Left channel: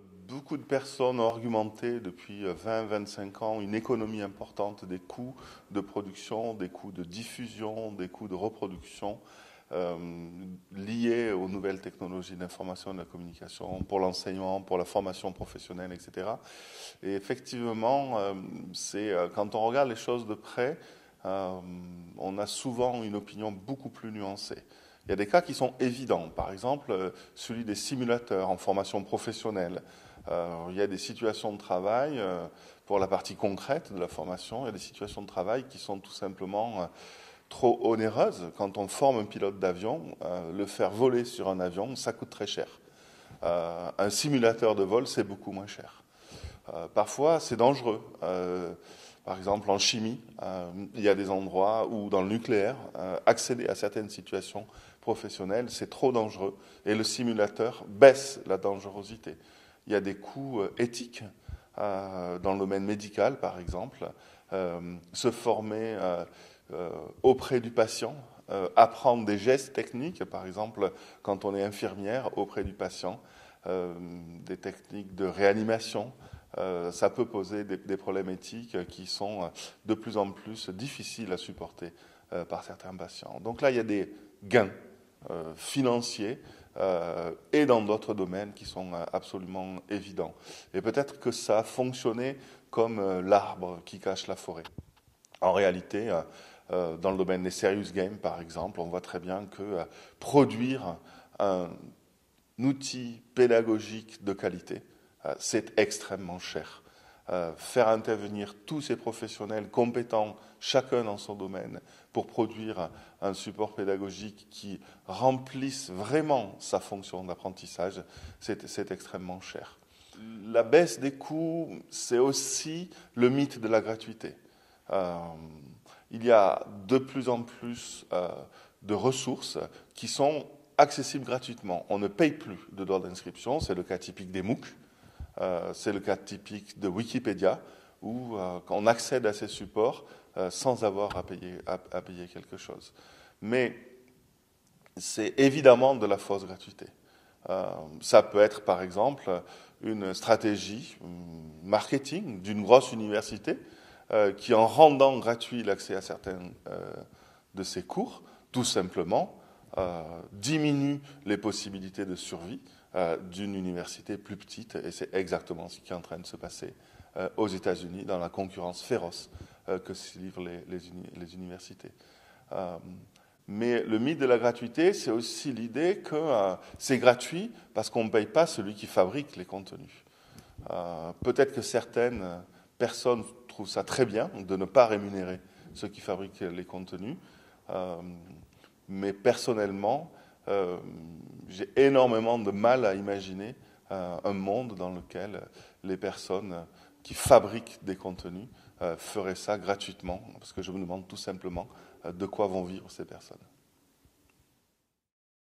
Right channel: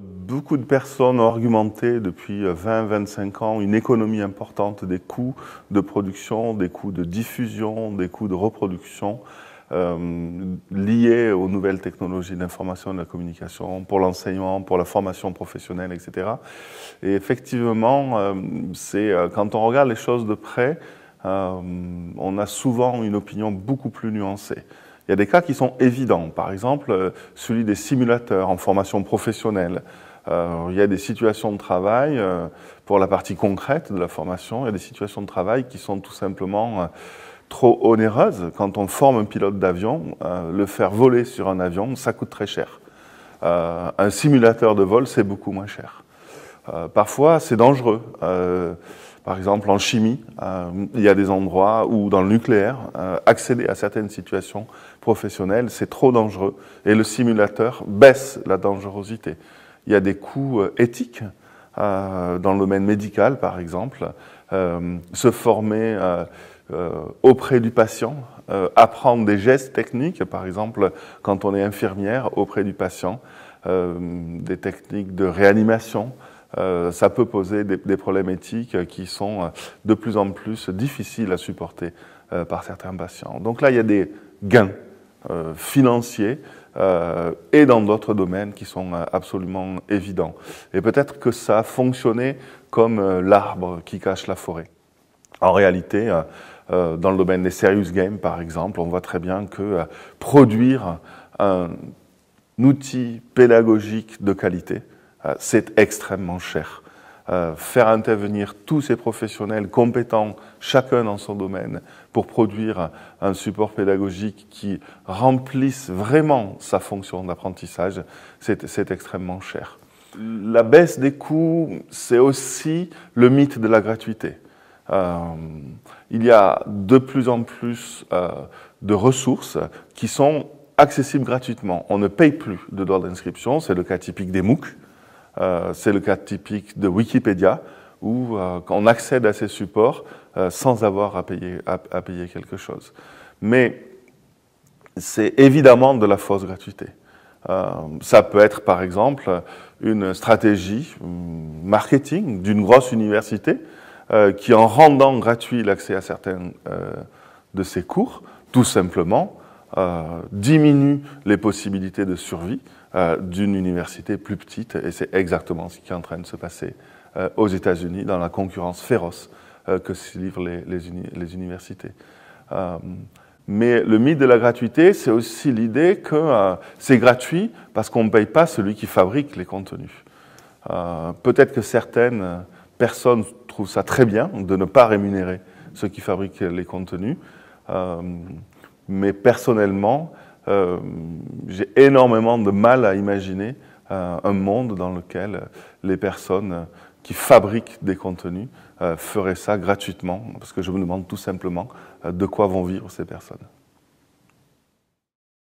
Beaucoup de personnes ont argumenté depuis 20-25 ans une économie importante des coûts de production, des coûts de diffusion, des coûts de reproduction liés aux nouvelles technologies de l'information et de la communication, pour l'enseignement, pour la formation professionnelle, etc. Et effectivement, quand on regarde les choses de près, on a souvent une opinion beaucoup plus nuancée. Il y a des cas qui sont évidents, par exemple celui des simulateurs en formation professionnelle. Il y a des situations de travail, pour la partie concrète de la formation, il y a des situations de travail qui sont tout simplement trop onéreuses. Quand on forme un pilote d'avion, le faire voler sur un avion, ça coûte très cher. Un simulateur de vol, c'est beaucoup moins cher. Parfois, c'est dangereux. Par exemple, en chimie, il y a des endroits où, dans le nucléaire, accéder à certaines situations professionnelles, c'est trop dangereux. Et le simulateur baisse la dangerosité. Il y a des coûts éthiques dans le domaine médical, par exemple. Se former auprès du patient, apprendre des gestes techniques, par exemple, quand on est infirmière auprès du patient, des techniques de réanimation. Ça peut poser des problèmes éthiques qui sont de plus en plus difficiles à supporter par certains patients. Donc là, il y a des gains financiers et dans d'autres domaines qui sont absolument évidents. Et peut-être que ça a fonctionné comme l'arbre qui cache la forêt. En réalité, dans le domaine des serious games, par exemple, on voit très bien que produire un outil pédagogique de qualité, c'est extrêmement cher. Faire intervenir tous ces professionnels compétents, chacun dans son domaine, pour produire un support pédagogique qui remplisse vraiment sa fonction d'apprentissage, c'est extrêmement cher. La baisse des coûts, c'est aussi le mythe de la gratuité. Il y a de plus en plus de ressources qui sont accessibles gratuitement. On ne paye plus de droits d'inscription, c'est le cas typique des MOOC. C'est le cas typique de Wikipédia, où on accède à ces supports sans avoir à payer quelque chose. Mais c'est évidemment de la fausse gratuité. Ça peut être, par exemple, une stratégie marketing d'une grosse université qui, en rendant gratuit l'accès à certains de ses cours, tout simplement, diminue les possibilités de survie d'une université plus petite, et c'est exactement ce qui est en train de se passer aux États-Unis dans la concurrence féroce que se livrent les universités. Mais le mythe de la gratuité, c'est aussi l'idée que c'est gratuit parce qu'on ne paye pas celui qui fabrique les contenus. Peut-être que certaines personnes trouvent ça très bien de ne pas rémunérer ceux qui fabriquent les contenus, mais personnellement, j'ai énormément de mal à imaginer un monde dans lequel les personnes qui fabriquent des contenus feraient ça gratuitement, parce que je me demande tout simplement de quoi vont vivre ces personnes.